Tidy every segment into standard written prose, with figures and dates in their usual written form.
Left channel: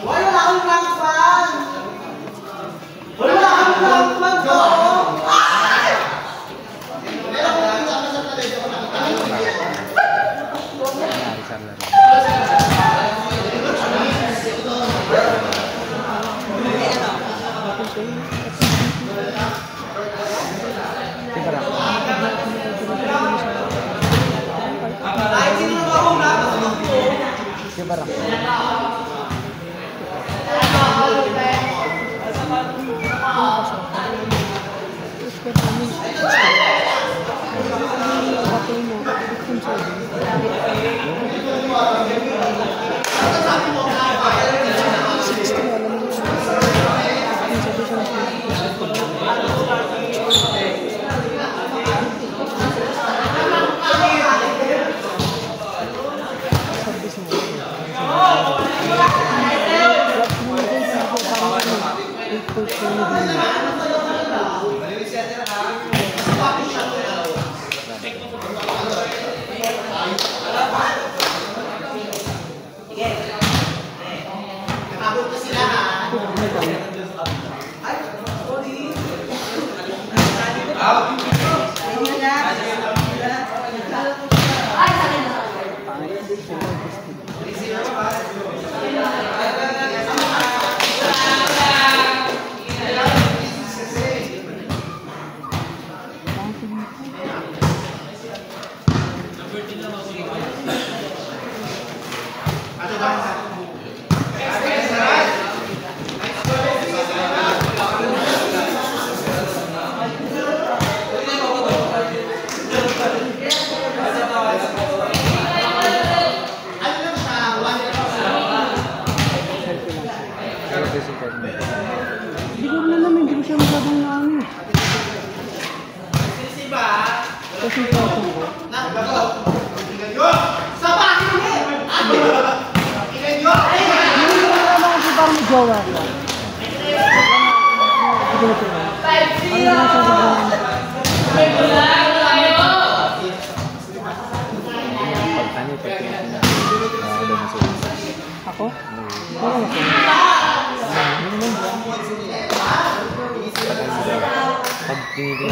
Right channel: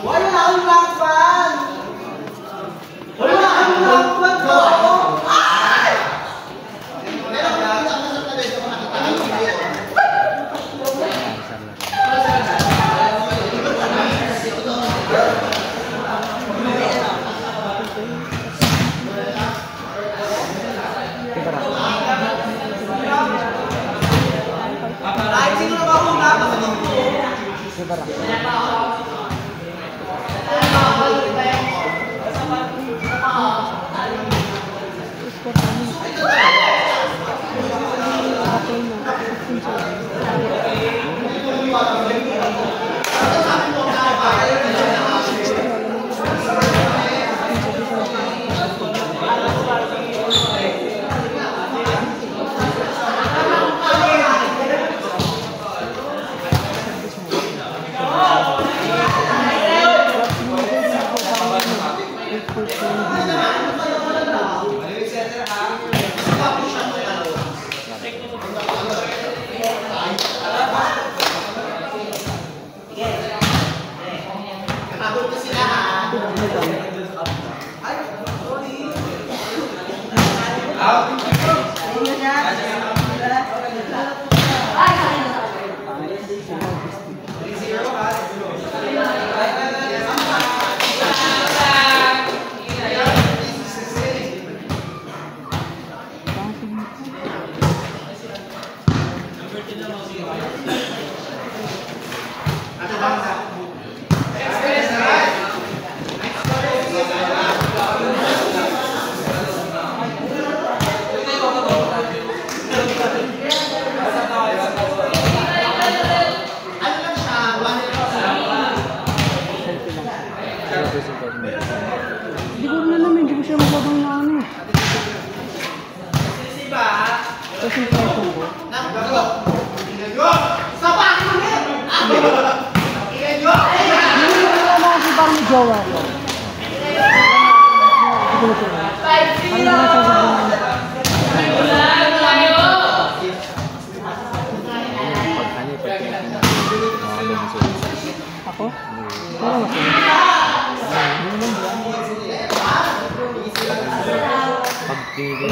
Wala akong lakban! Wala akong lakban ko! Kahit sino na ako nakasabog ko. Hindi ko na naman, hindi ko siya masyadong na ano eh. Kasi yung presyo ko. Hindi ko na naman kasi parang may jowa ko. Hindi ko na siya. Parang na siya sobrang... Pagkano, pagkano. Ako? Oo, masunod. Hindi naman ba? Pagpili.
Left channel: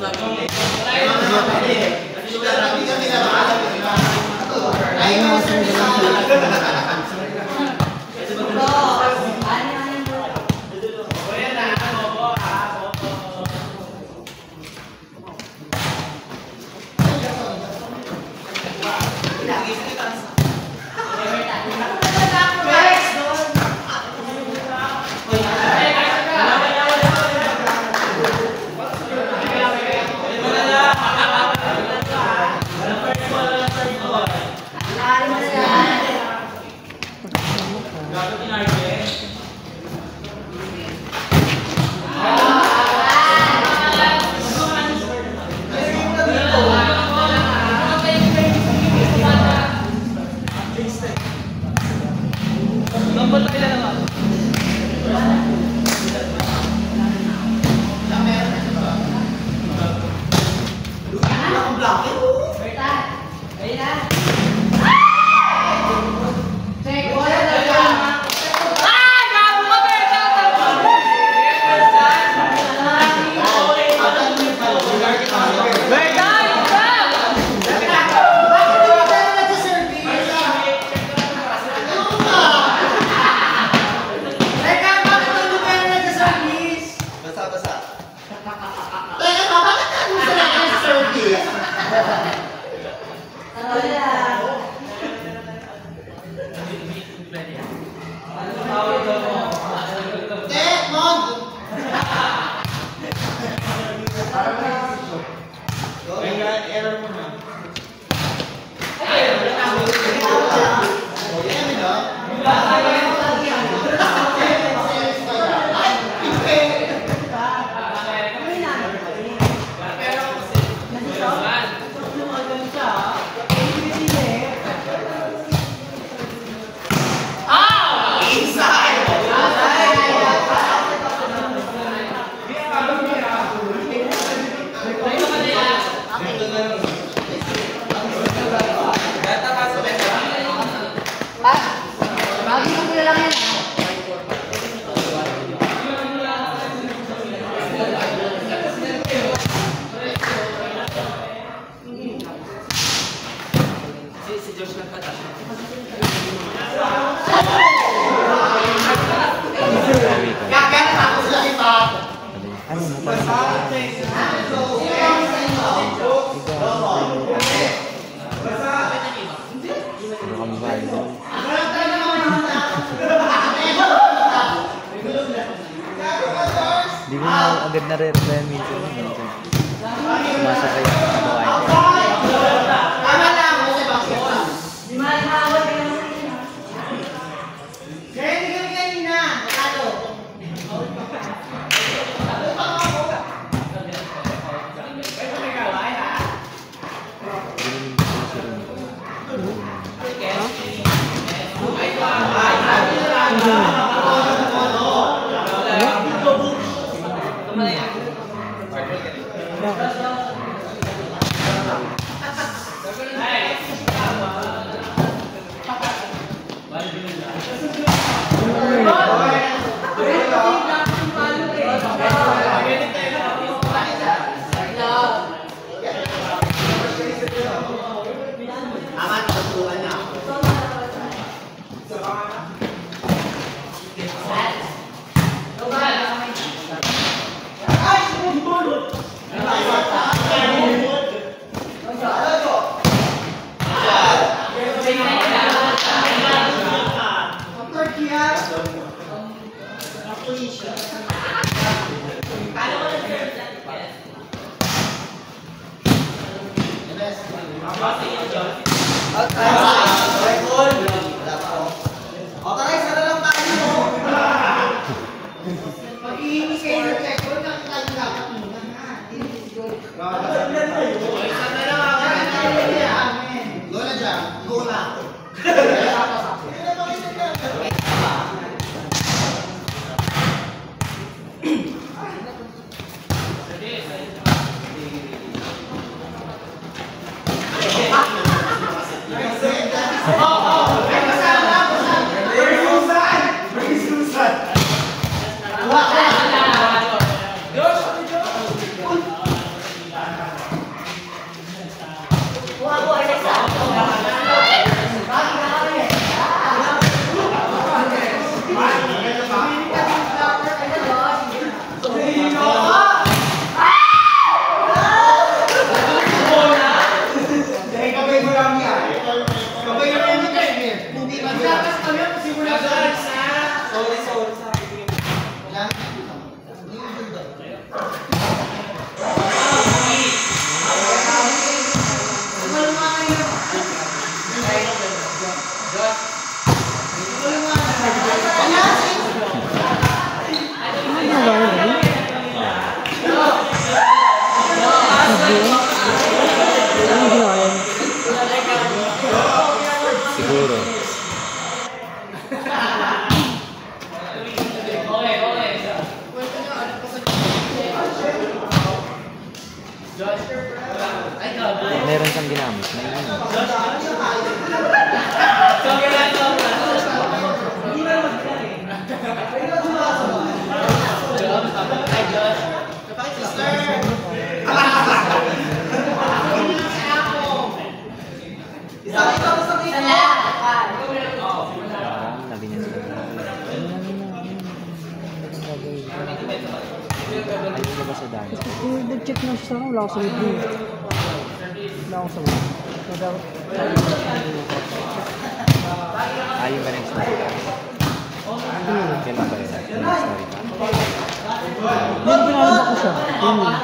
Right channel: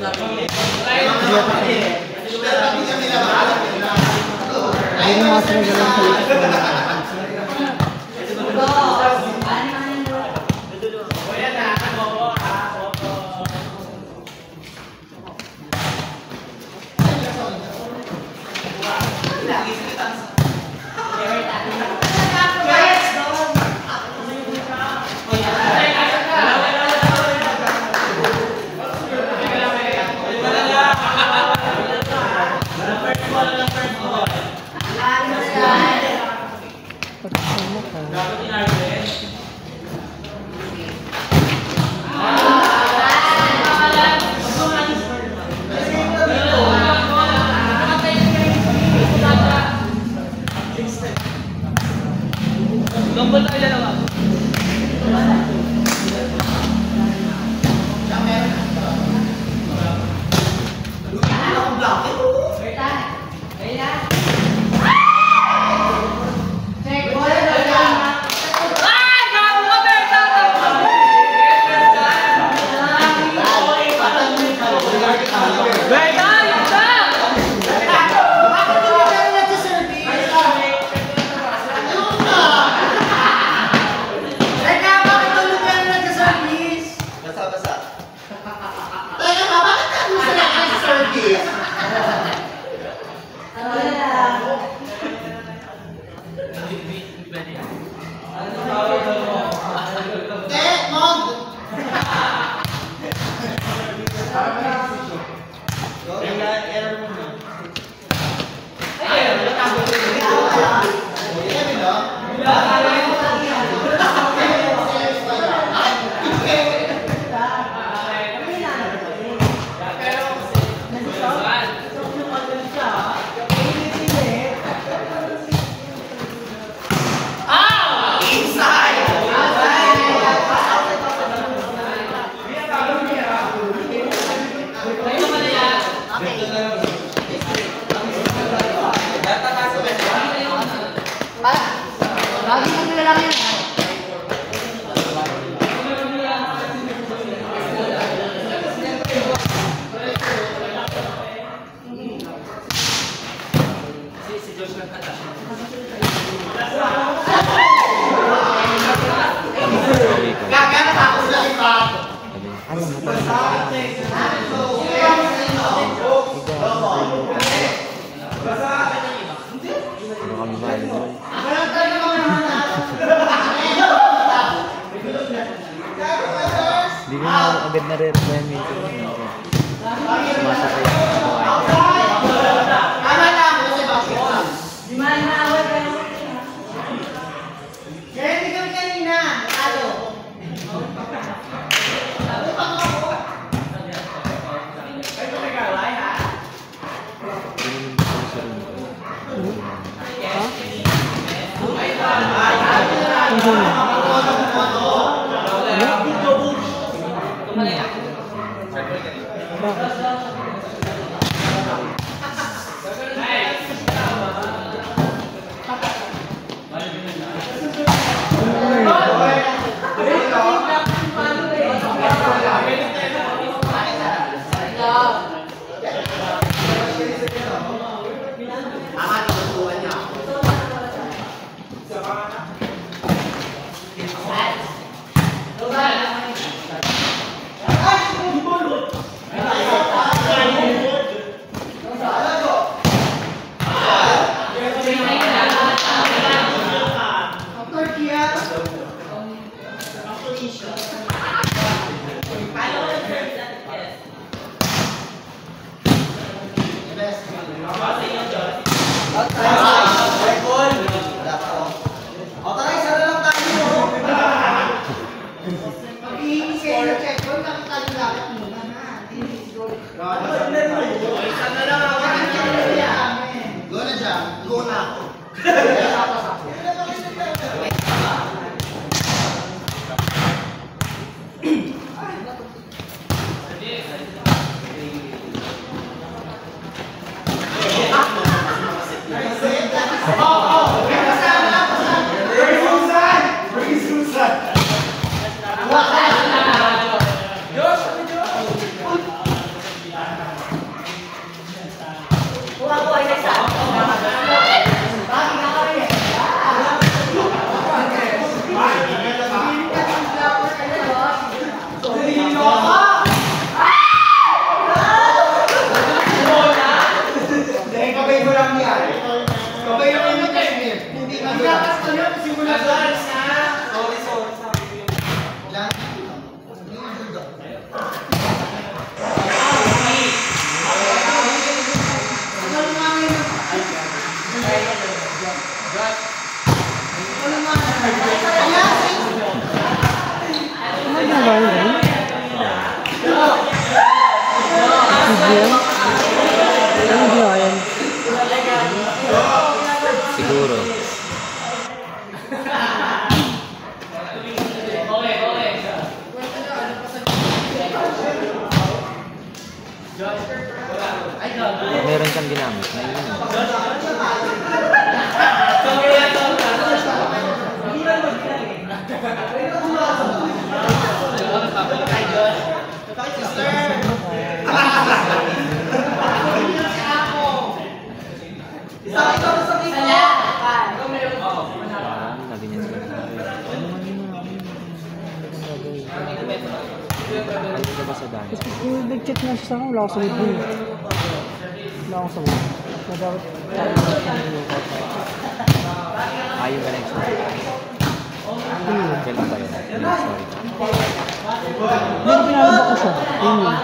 Ay, mga sinagalang Hindi ko na agad na-replyan minsan. Sumasakay yung kabawain. Tama na ako sa basketball. Kaya hindi kami kanina. Ano? meron kang ginamit, naiinom. Parang naganyan sila sa akin. Ano man yun na? Ano kang gagawin? Ayun ka ba sa dance? Nag-check na siya sa akin. Wala ako sa libre. Wala ako sa libre. Kaya dapat Ayun ka next story ka? Kailan ba yun? Next story ka? Hindi, pinalabak ko siya. Yun yun.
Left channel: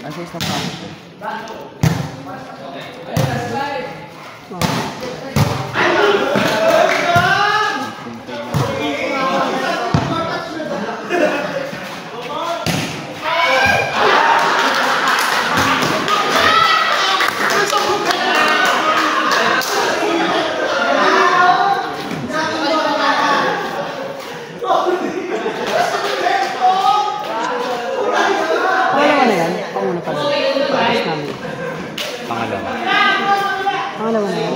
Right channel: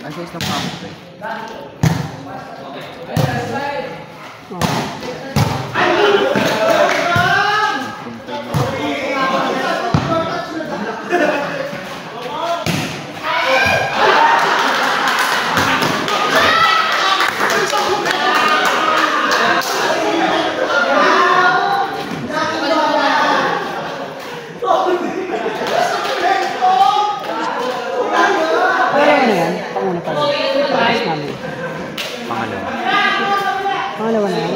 Ang size ng pump. Pangalawa. Pangalawa na yan?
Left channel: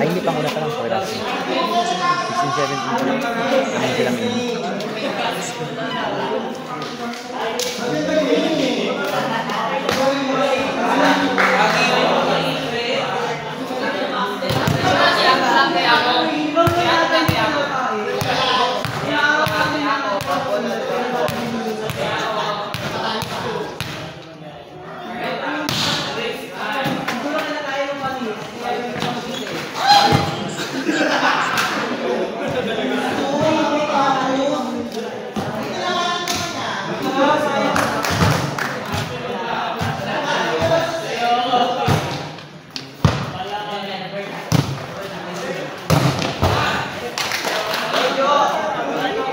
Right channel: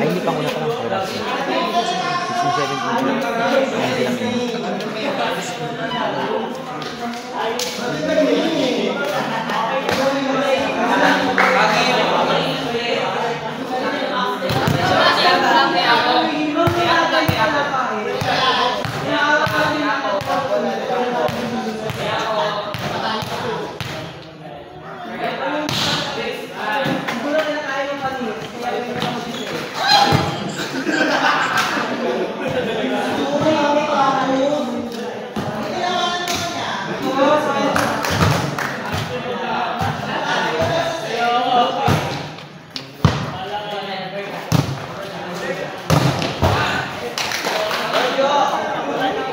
Ay, hindi panguna pa lang. Pagkatapos. 16, 17 lang. Ayun silang yun.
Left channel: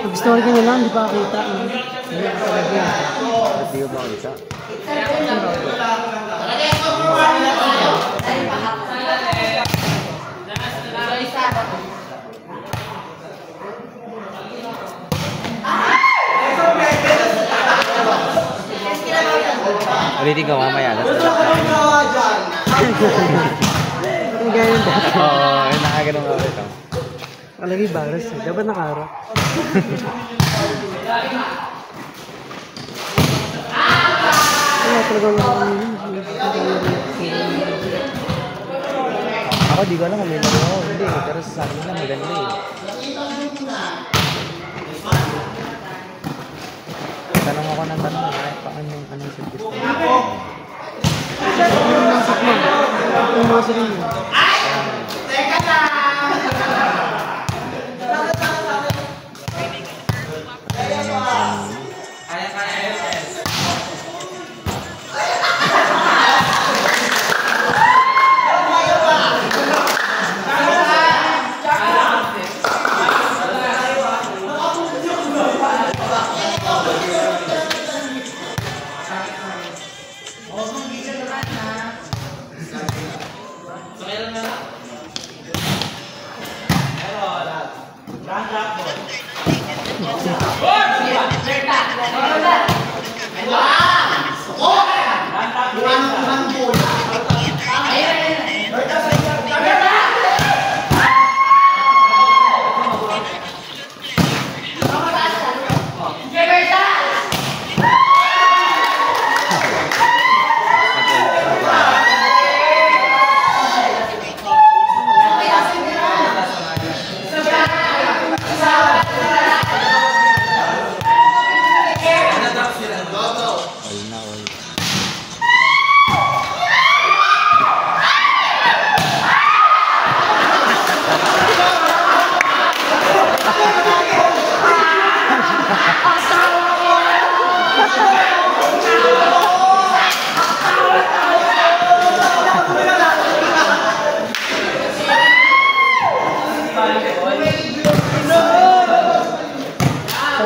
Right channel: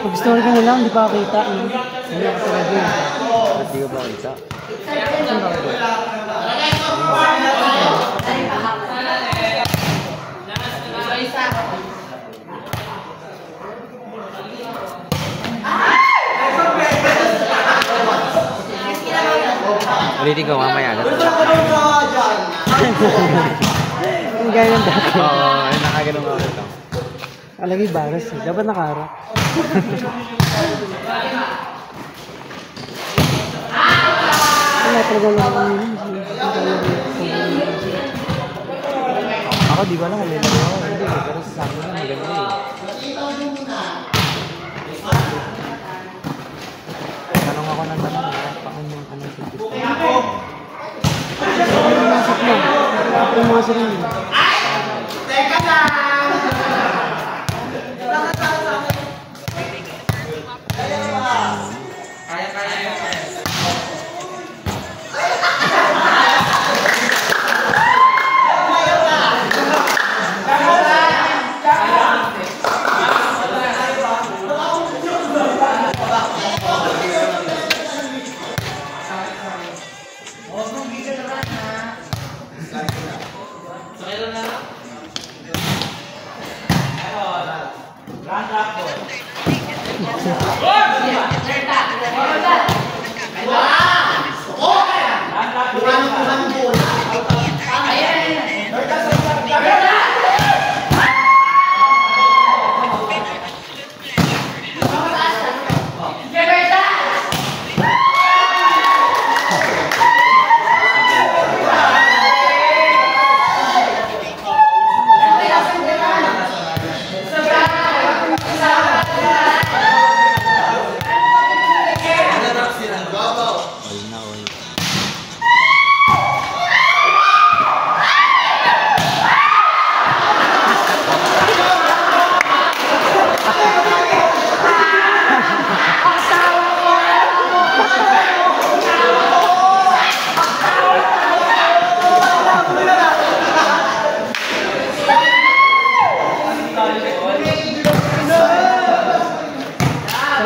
Mag-story ka na lang, di pa ako kita. Ba't di ka ba kita? Ulitin ko mamaya. Ang ganyan dati. Oo, nakaganon nga ulit. Alagi virus eh. Dapat nakaharap. Wala talagang Ako di ko alam kung may laro ako. Hindi, pero sa akin na maganda eh. Tanong ako ng tanong, paano yung anong sipit ko? Ano yung isip mo? Yung mga sarili mo. Teka lang!